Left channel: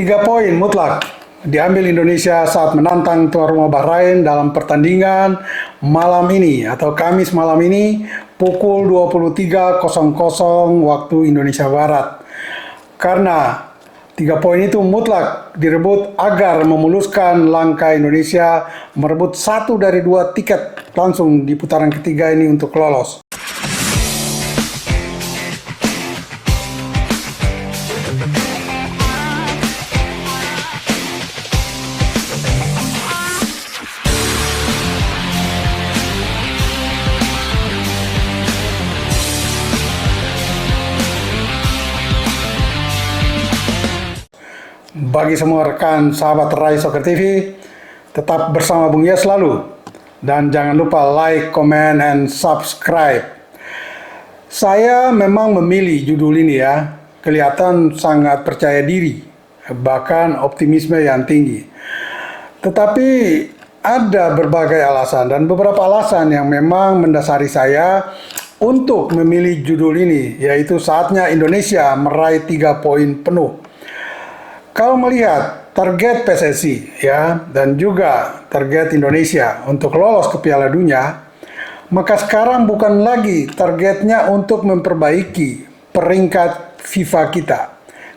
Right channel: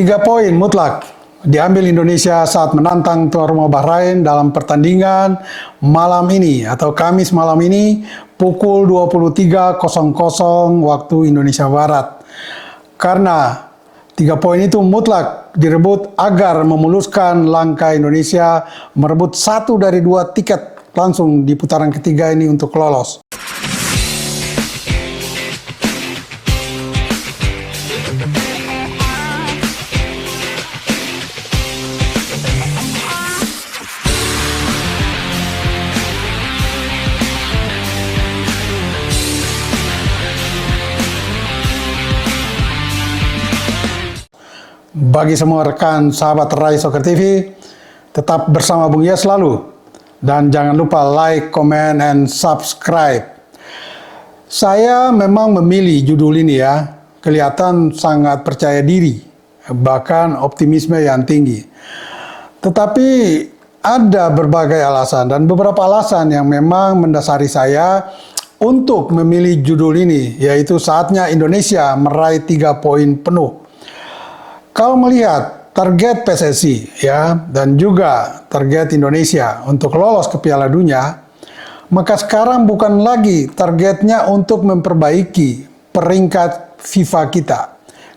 3 poin mutlak diambil Indonesia saat menantang tuan rumah Bahrain dalam pertandingan malam ini atau Kamis malam ini pukul 23.00 waktu Indonesia Barat. Karena 3 poin itu mutlak direbut agar memuluskan langkah Indonesia merebut 1 dari 2 tiket langsung di putaran ketiga ini untuk lolos. Bagi semua rekan sahabat Rai Soccer TV, tetap bersama Bung Yes selalu. Dan jangan lupa like, comment, and subscribe. Saya memang memilih judul ini ya, kelihatan sangat percaya diri, bahkan optimisme yang tinggi. Tetapi ada berbagai alasan dan beberapa alasan yang memang mendasari saya untuk memilih judul ini, yaitu saatnya Indonesia meraih 3 poin penuh. Kalau melihat target PSSI ya dan juga target Indonesia untuk lolos ke Piala Dunia, maka sekarang bukan lagi targetnya untuk memperbaiki peringkat FIFA kita.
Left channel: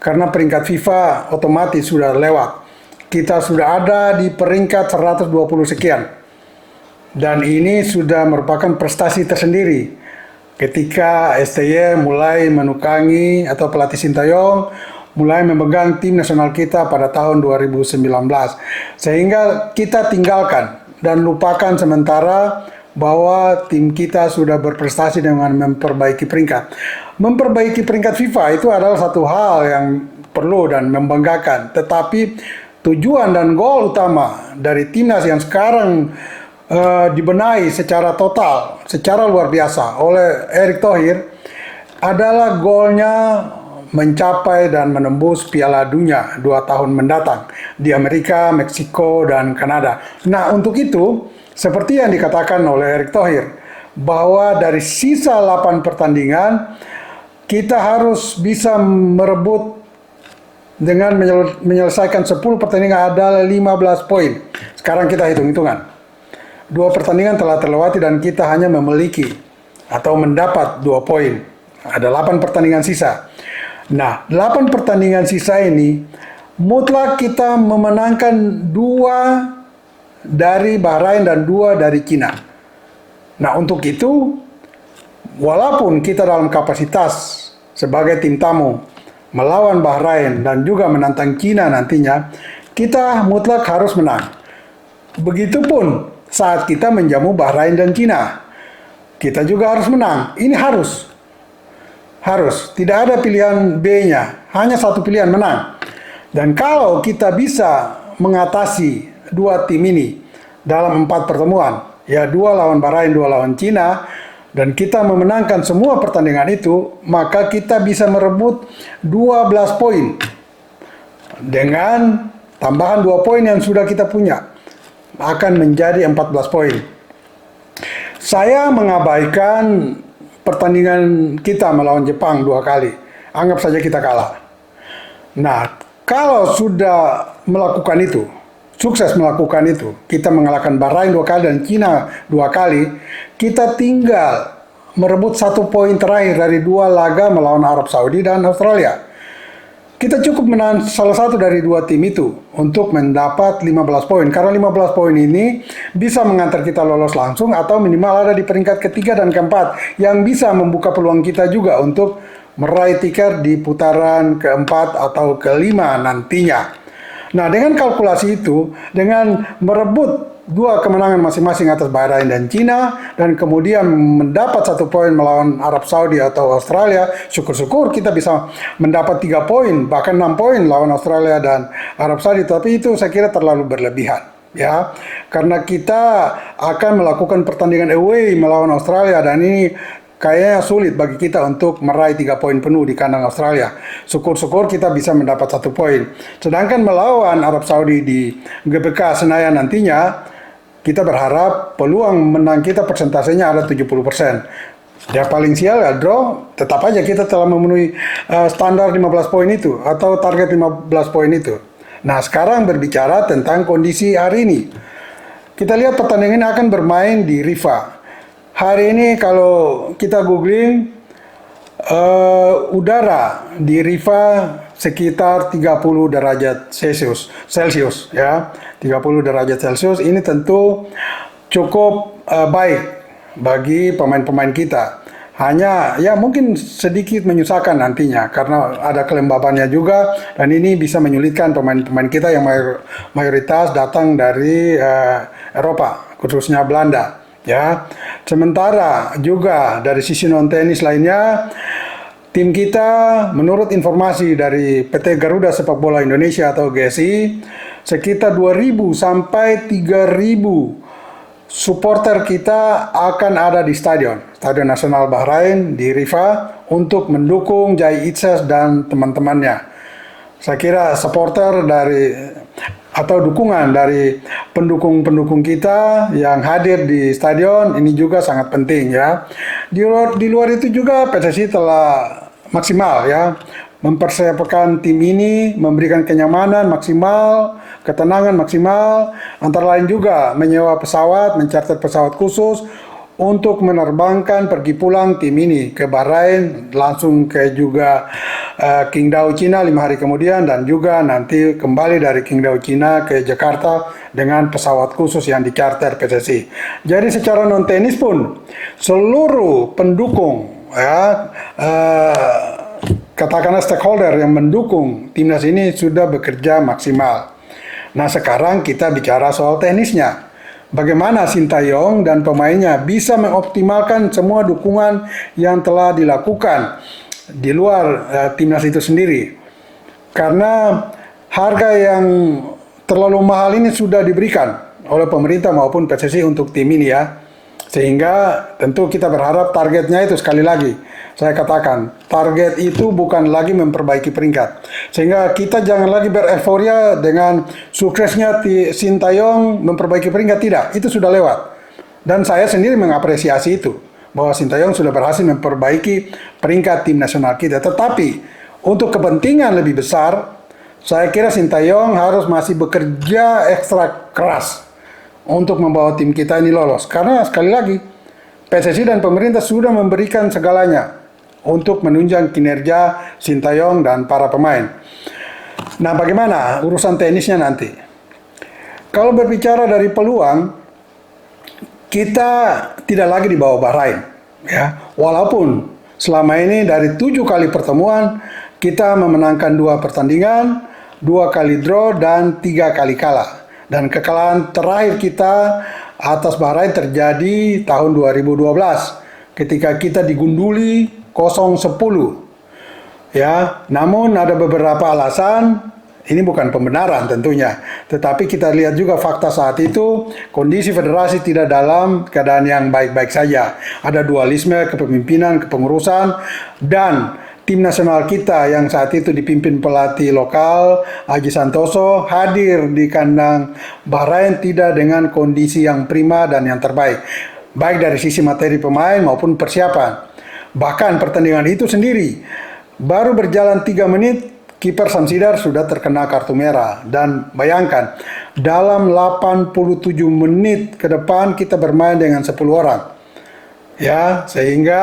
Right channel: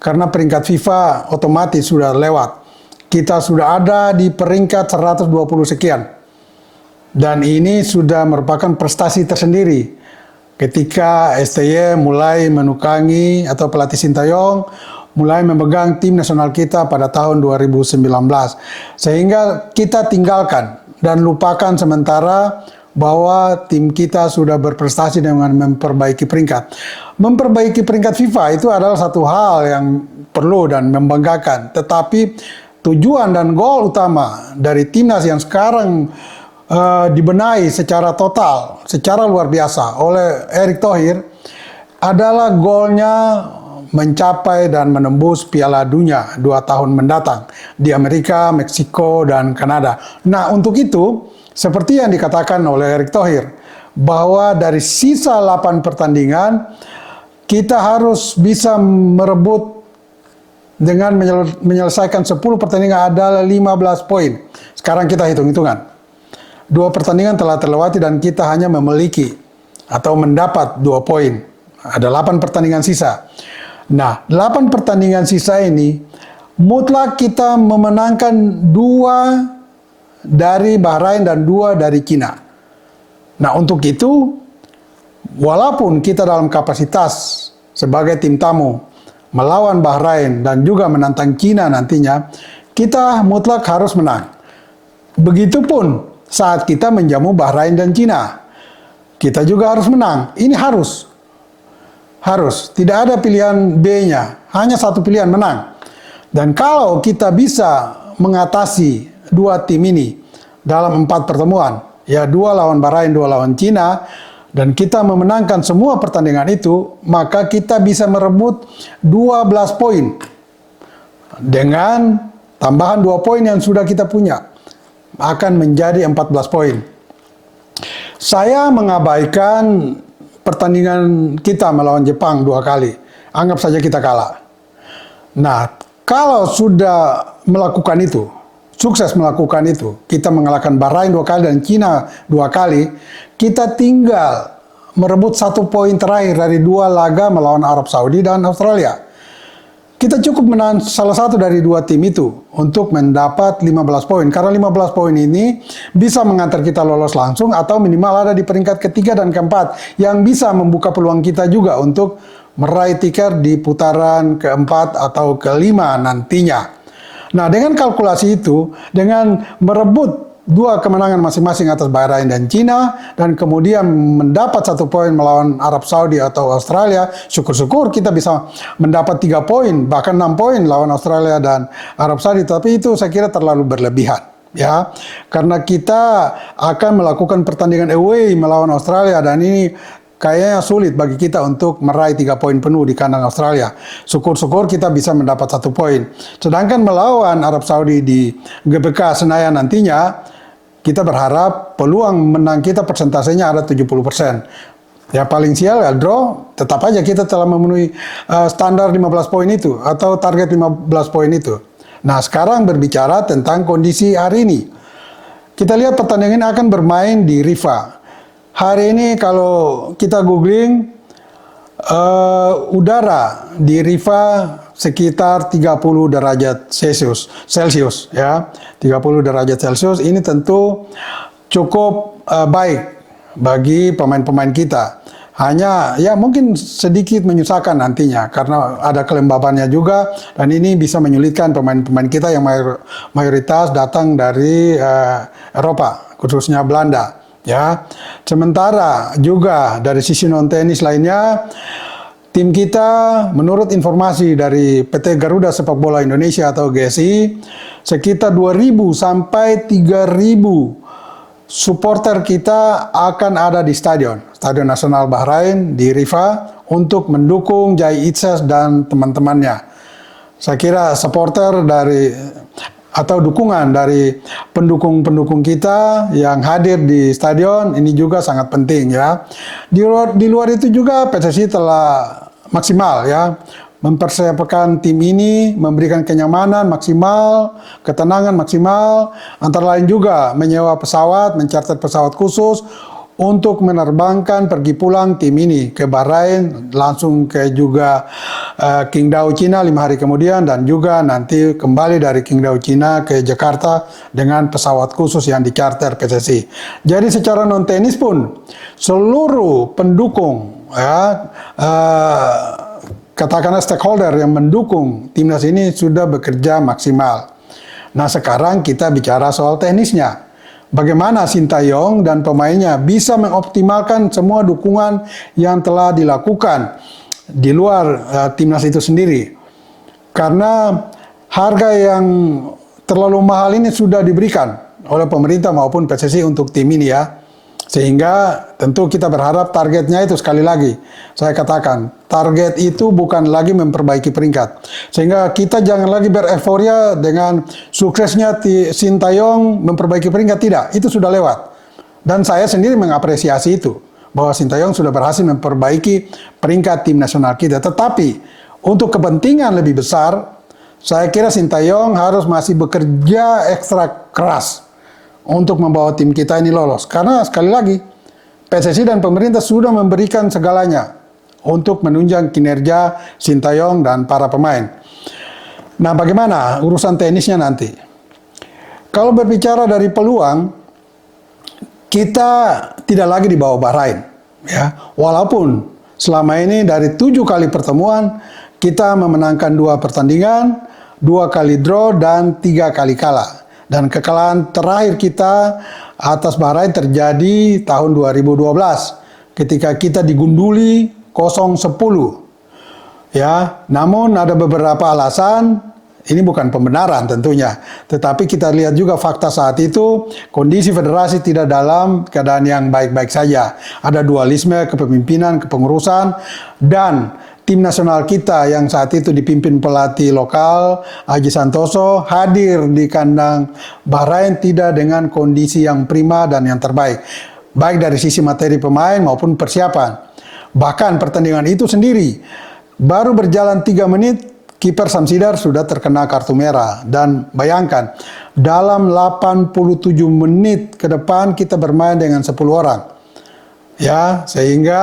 Karena peringkat FIFA otomatis sudah lewat. Kita sudah ada di peringkat 120 sekian. Dan ini sudah merupakan prestasi tersendiri ketika STY mulai menukangi atau pelatih Sintayong mulai memegang tim nasional kita pada tahun 2019. Sehingga kita tinggalkan dan lupakan sementara bahwa tim kita sudah berprestasi dengan memperbaiki peringkat. Memperbaiki peringkat FIFA itu adalah satu hal yang perlu dan membanggakan. Tetapi tujuan dan gol utama dari timnas yang sekarang dibenahi secara total, secara luar biasa oleh Erick Thohir adalah golnya mencapai dan menembus Piala Dunia 2 tahun mendatang di Amerika, Meksiko, dan Kanada. Nah, untuk itu, seperti yang dikatakan oleh Erick Thohir, bahwa dari sisa 8 pertandingan, kita harus bisa merebut dengan menyelesaikan 10 pertandingan adalah 15 poin. Sekarang kita hitung-hitungan. 2 pertandingan telah terlewati dan kita hanya memiliki atau mendapat 2 poin. Ada 8 pertandingan sisa. Nah, 8 pertandingan sisa ini mutlak kita memenangkan 2 dari Bahrain dan 2 dari Cina. Nah, untuk itu, walaupun kita dalam kapasitas sebagai tim tamu melawan Bahrain dan juga menantang Cina nantinya, kita mutlak harus menang. Begitupun saat kita menjamu Bahrain dan Cina, kita juga harus menang. Ini harus. Tidak ada pilihan B-nya, hanya satu pilihan, menang. Dan kalau kita bisa mengatasi 2 tim ini dalam 4 pertemuan, ya 2 lawan Bahrain, 2 lawan Cina, dan kita memenangkan semua pertandingan itu, maka kita bisa merebut 12 poin. Dengan tambahan 2 poin yang sudah kita punya, akan menjadi 14 poin. Saya mengabaikan pertandingan kita melawan Jepang 2 kali. Anggap saja kita kalah. Nah, kalau sudah melakukan itu, sukses melakukan itu, kita mengalahkan Bahrain 2 kali dan Cina 2 kali, kita tinggal merebut 1 poin terakhir dari 2 laga melawan Arab Saudi dan Australia. Kita cukup menang salah satu dari 2 tim itu untuk mendapat 15 poin. Karena 15 poin ini bisa mengantar kita lolos langsung atau minimal ada di peringkat ketiga dan keempat yang bisa membuka peluang kita juga untuk meraih tiket di putaran keempat atau kelima nantinya. Nah, dengan kalkulasi itu, dengan merebut 2 kemenangan masing-masing atas Bahrain dan Cina, dan kemudian mendapat 1 poin melawan Arab Saudi atau Australia, syukur-syukur kita bisa mendapat 3 poin, bahkan 6 poin lawan Australia dan Arab Saudi, tapi itu saya kira terlalu berlebihan. Ya, karena kita akan melakukan pertandingan away melawan Australia dan ini kayaknya sulit bagi kita untuk meraih 3 poin penuh di kandang Australia. Syukur-syukur kita bisa mendapat 1 poin. Sedangkan melawan Arab Saudi di GBK Senayan nantinya, kita berharap peluang menang kita persentasenya ada 70%. Ya paling sial ya draw, tetap aja kita telah memenuhi standar 15 poin itu atau target 15 poin itu. Nah, sekarang berbicara tentang kondisi hari ini. Kita lihat pertandingan ini akan bermain di Rifa. Hari ini kalau kita googling, udara di Rifa sekitar 30 derajat Celcius ya. 30 derajat Celcius ini tentu cukup baik bagi pemain-pemain kita. Hanya ya mungkin sedikit menyusahkan nantinya karena ada kelembabannya juga, dan ini bisa menyulitkan pemain-pemain kita yang mayoritas datang dari Eropa, khususnya Belanda ya. Sementara juga dari sisi non tenis lainnya, tim kita menurut informasi dari PT Garuda Sepak Bola Indonesia atau GSI, sekitar 2.000 sampai 3.000 supporter kita akan ada di Stadion Nasional Bahrain di Rifa untuk mendukung Jai Itzes dan teman-temannya. Saya kira supporter dari atau dukungan dari pendukung-pendukung kita yang hadir di stadion ini juga sangat penting ya. Di luar itu juga PSSI telah maksimal ya mempersiapkan tim ini, memberikan kenyamanan maksimal, ketenangan maksimal, antara lain juga menyewa pesawat, mencarter pesawat khusus untuk menerbangkan pergi pulang tim ini ke Bahrain, langsung ke juga Qingdao Cina 5 hari kemudian, dan juga nanti kembali dari Qingdao Cina ke Jakarta dengan pesawat khusus yang dicarter PSSI. Jadi secara non tenis pun seluruh pendukung ya, katakanlah stakeholder yang mendukung timnas ini sudah bekerja maksimal. Nah, sekarang kita bicara soal teknisnya. Bagaimana Sintayong dan pemainnya bisa mengoptimalkan semua dukungan yang telah dilakukan di luar timnas itu sendiri. Karena harga yang terlalu mahal ini sudah diberikan oleh pemerintah maupun PSSI untuk tim ini ya. Sehingga tentu kita berharap targetnya itu, sekali lagi saya katakan, target itu bukan lagi memperbaiki peringkat. Sehingga kita jangan lagi bereforia dengan suksesnya Sintayong memperbaiki peringkat, tidak, itu sudah lewat. Dan saya sendiri mengapresiasi itu, bahwa Sintayong sudah berhasil memperbaiki peringkat tim nasional kita. Tetapi untuk kepentingan lebih besar, saya kira Sintayong harus masih bekerja ekstra keras untuk membawa tim kita ini lolos. Karena sekali lagi, PSSI dan pemerintah sudah memberikan segalanya untuk menunjang kinerja Sintayong dan para pemain. Nah, bagaimana urusan tenisnya nanti? Kalau berbicara dari peluang, kita tidak lagi di bawah Bahrain. Ya, walaupun selama ini dari 7 kali pertemuan, kita memenangkan 2 pertandingan, 2 kali draw, dan 3 kali kalah. Dan kekalahan terakhir kita atas Bahrain terjadi tahun 2012 ketika kita digunduli 0-10. Ya, namun ada beberapa alasan, ini bukan pembenaran tentunya, tetapi kita lihat juga fakta saat itu kondisi federasi tidak dalam keadaan yang baik-baik saja. Ada dualisme kepemimpinan, kepengurusan, dan tim nasional kita yang saat itu dipimpin pelatih lokal Aji Santoso hadir di kandang Bahrain tidak dengan kondisi yang prima dan yang terbaik, baik dari sisi materi pemain maupun persiapan. Bahkan pertandingan itu sendiri baru berjalan 3 menit, kiper Samsidar sudah terkena kartu merah. Dan bayangkan, dalam 87 menit ke depan kita bermain dengan 10 orang. Ya, sehingga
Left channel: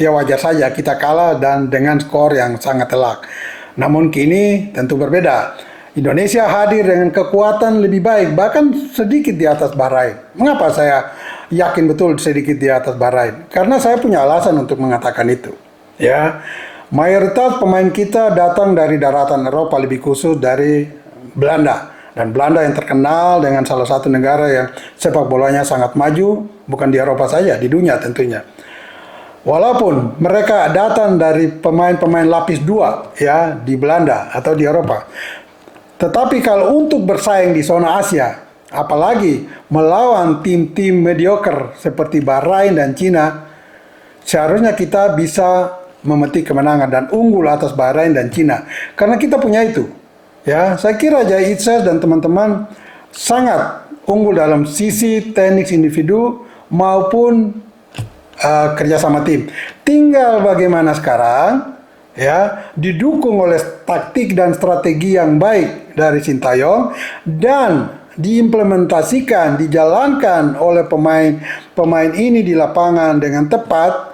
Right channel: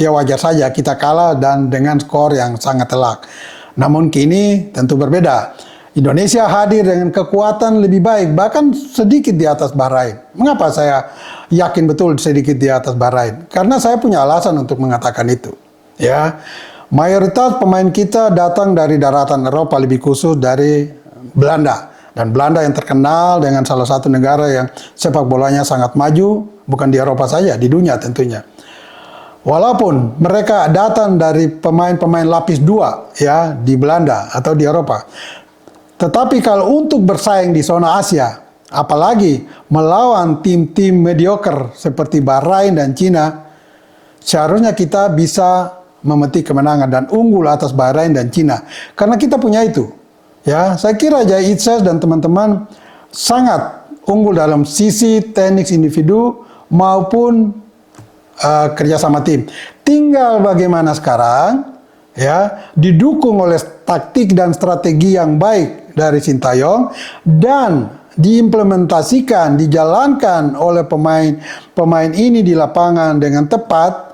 ya wajar saja kita kalah dan dengan skor yang sangat telak. Namun kini tentu berbeda. Indonesia hadir dengan kekuatan lebih baik, bahkan sedikit di atas Bahrain. Mengapa saya yakin betul sedikit di atas Bahrain? Karena saya punya alasan untuk mengatakan itu. Ya, mayoritas pemain kita datang dari daratan Eropa, lebih khusus dari Belanda. Dan Belanda yang terkenal dengan salah satu negara yang sepak bolanya sangat maju, bukan di Eropa saja, di dunia tentunya. Walaupun mereka datang dari pemain-pemain lapis 2 ya di Belanda atau di Eropa. Tetapi kalau untuk bersaing di zona Asia, apalagi melawan tim-tim mediocre seperti Bahrain dan Cina, seharusnya kita bisa memetik kemenangan dan unggul atas Bahrain dan Cina. Karena kita punya itu. Ya, saya kira Jai Itzes dan teman-teman sangat unggul dalam sisi teknik individu maupun kerjasama tim. Tinggal bagaimana sekarang, ya, didukung oleh taktik dan strategi yang baik dari Sintayong dan diimplementasikan, dijalankan oleh pemain ini di lapangan dengan tepat,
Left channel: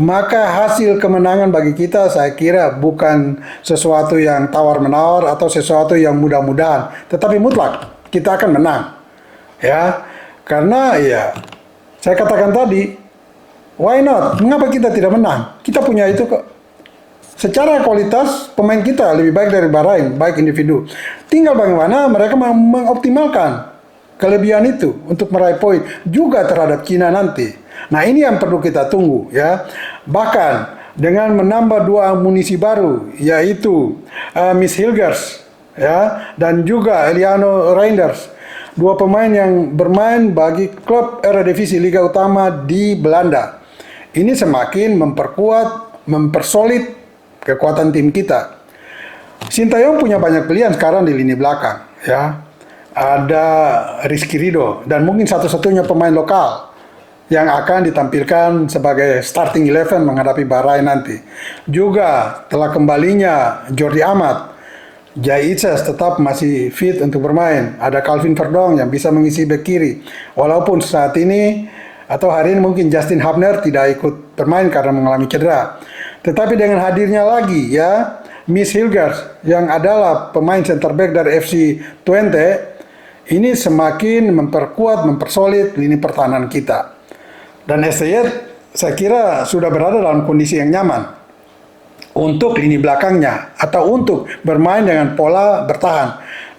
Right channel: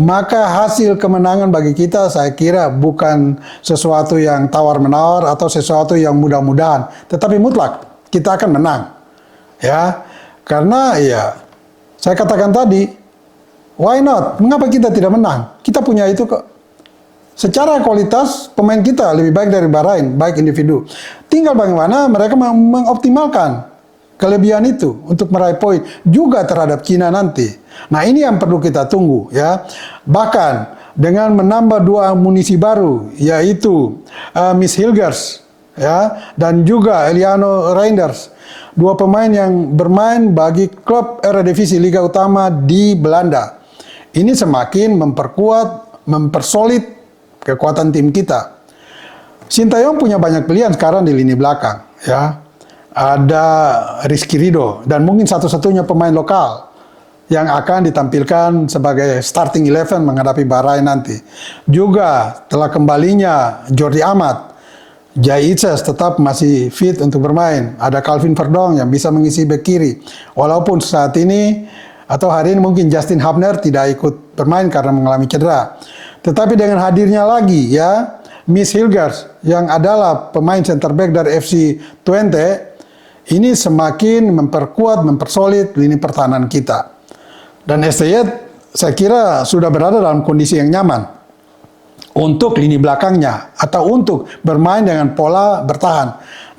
maka hasil kemenangan bagi kita saya kira bukan sesuatu yang tawar-menawar atau sesuatu yang mudah-mudahan, tetapi mutlak kita akan menang. Ya, karena ya saya katakan tadi, why not? Mengapa kita tidak menang? Kita punya itu kok. Secara kualitas pemain kita lebih baik dari Bahrain, baik individu. Tinggal bagaimana mereka mengoptimalkan kelebihan itu untuk meraih poin juga terhadap Cina nanti. Nah, ini yang perlu kita tunggu ya. Bahkan dengan menambah 2 amunisi baru, yaitu Miss Hilgers ya, dan juga Eliano Reinders, 2 pemain yang bermain bagi klub Eredivisie Liga Utama di Belanda. Ini semakin memperkuat, mempersolid kekuatan tim kita. Sintayong punya banyak pilihan sekarang di lini belakang ya. Ada Rizky Ridho dan mungkin satu-satunya pemain lokal yang akan ditampilkan sebagai starting 11 menghadapi Bahrain nanti. Juga telah kembalinya Jordi Amat, Jai Itzes tetap masih fit untuk bermain. Ada Calvin Verdong yang bisa mengisi bek kiri. Walaupun saat ini atau hari ini mungkin Justin Hubner tidak ikut bermain karena mengalami cedera. Tetapi dengan hadirnya lagi ya Miss Hilgers yang adalah pemain center back dari FC Twente, ini semakin memperkuat, mempersolid lini pertahanan kita. Dan STY saya kira sudah berada dalam kondisi yang nyaman untuk lini belakangnya atau untuk bermain dengan pola bertahan.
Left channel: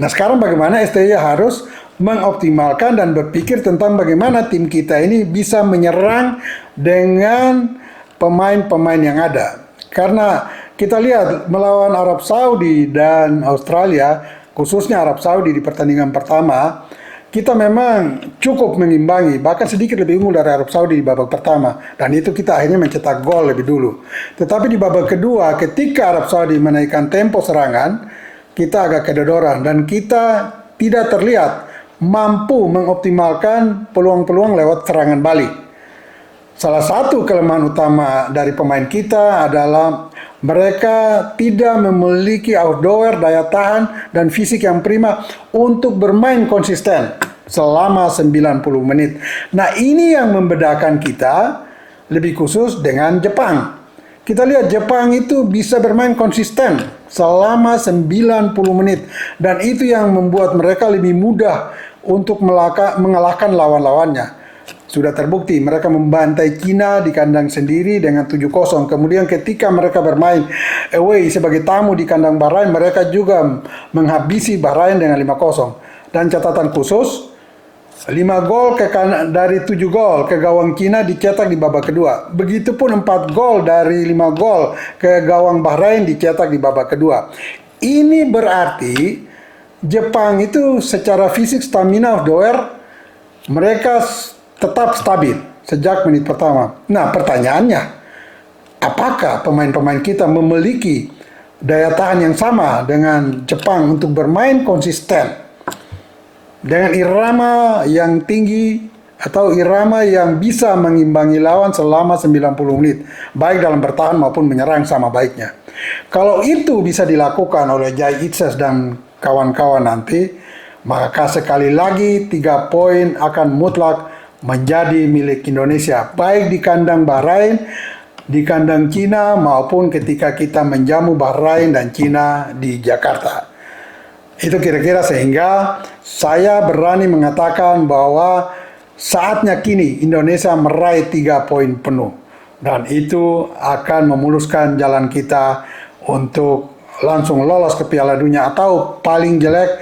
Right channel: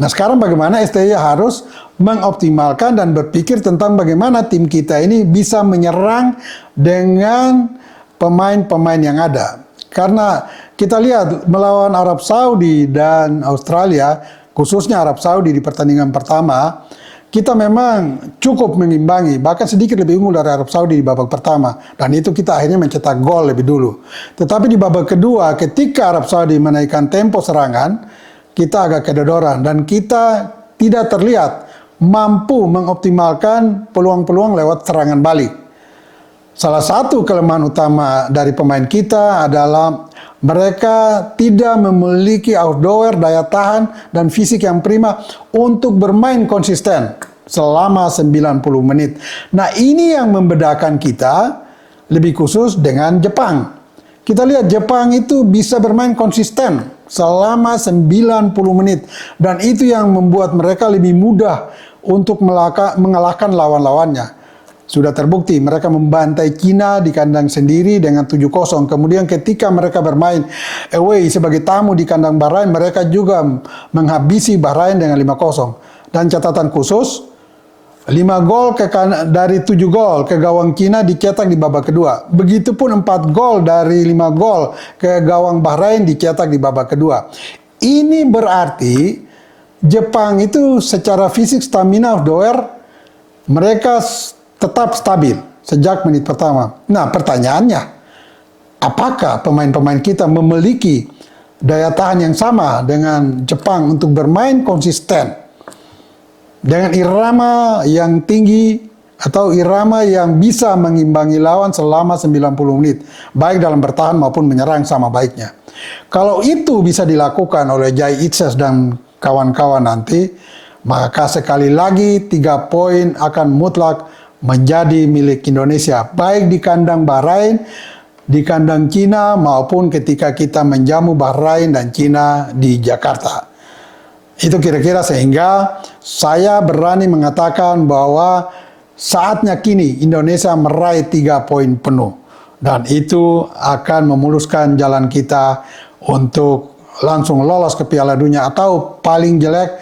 Nah, sekarang bagaimana STY harus mengoptimalkan dan berpikir tentang bagaimana tim kita ini bisa menyerang dengan pemain-pemain yang ada. Karena kita lihat melawan Arab Saudi dan Australia, khususnya Arab Saudi di pertandingan pertama, kita memang cukup mengimbangi, bahkan sedikit lebih unggul dari Arab Saudi di babak pertama. Dan itu kita akhirnya mencetak gol lebih dulu. Tetapi di babak kedua, ketika Arab Saudi menaikkan tempo serangan, kita agak kedodoran dan kita tidak terlihat mampu mengoptimalkan peluang-peluang lewat serangan balik. Salah satu kelemahan utama dari pemain kita adalah mereka tidak memiliki outdoor daya tahan dan fisik yang prima untuk bermain konsisten selama 90 menit. Nah, ini yang membedakan kita lebih khusus dengan Jepang. Kita lihat Jepang itu bisa bermain konsisten selama 90 menit dan itu yang membuat mereka lebih mudah untuk mengalahkan lawan-lawannya. Sudah terbukti mereka membantai Cina di kandang sendiri dengan 7-0. Kemudian ketika mereka bermain away sebagai tamu di kandang Bahrain, mereka juga menghabisi Bahrain dengan 5-0. Dan catatan khusus, 5 gol dari 7 gol ke gawang Cina dicetak di babak kedua. Begitupun 4 gol dari 5 gol ke gawang Bahrain dicetak di babak kedua. Ini berarti Jepang itu secara fisik, stamina, outdoor, mereka tetap stabil sejak menit pertama. Nah, pertanyaannya, apakah pemain-pemain kita memiliki daya tahan yang sama dengan Jepang untuk bermain konsisten dengan irama yang tinggi atau irama yang bisa mengimbangi lawan selama 90 menit, baik dalam bertahan maupun menyerang sama baiknya. Kalau itu bisa dilakukan oleh Jai Itzes dan kawan-kawan nanti, maka sekali lagi 3 poin akan mutlak menjadi milik Indonesia, baik di kandang Bahrain, di kandang Cina, maupun ketika kita menjamu Bahrain dan Cina di Jakarta. Itu kira-kira sehingga saya berani mengatakan bahwa saatnya kini Indonesia meraih 3 poin penuh. Dan itu akan memuluskan jalan kita untuk langsung lolos ke Piala Dunia atau paling jelek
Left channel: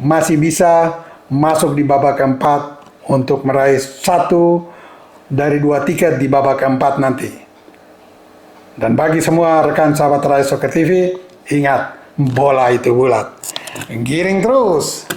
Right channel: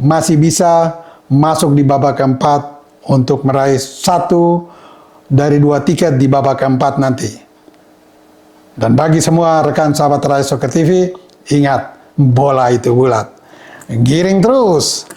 masih bisa masuk di babak keempat untuk meraih 1 dari 2 tiket di babak keempat nanti. Dan bagi semua rekan sahabat Rai Soccer TV, ingat, bola itu bulat. Giring terus!